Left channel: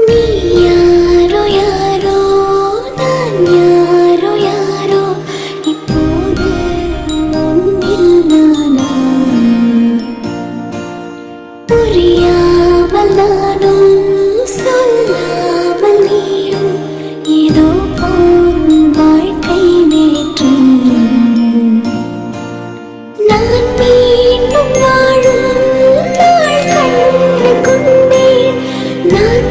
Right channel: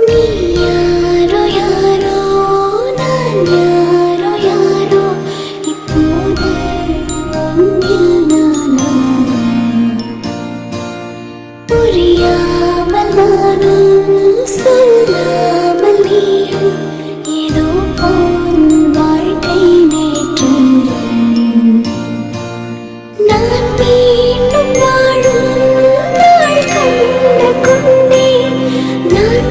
நீ யாரோ யாரோ நான் யாரோ யாரோ இப்போது உன்னில் நானா புரியாமல் நானும் சொல்லாமல் நீயும் ஏதோ போல் வாழ்க்கை நேற்று நான் மீண்டும் வாழும் நாள் கண்டு கொண்டேன் நான்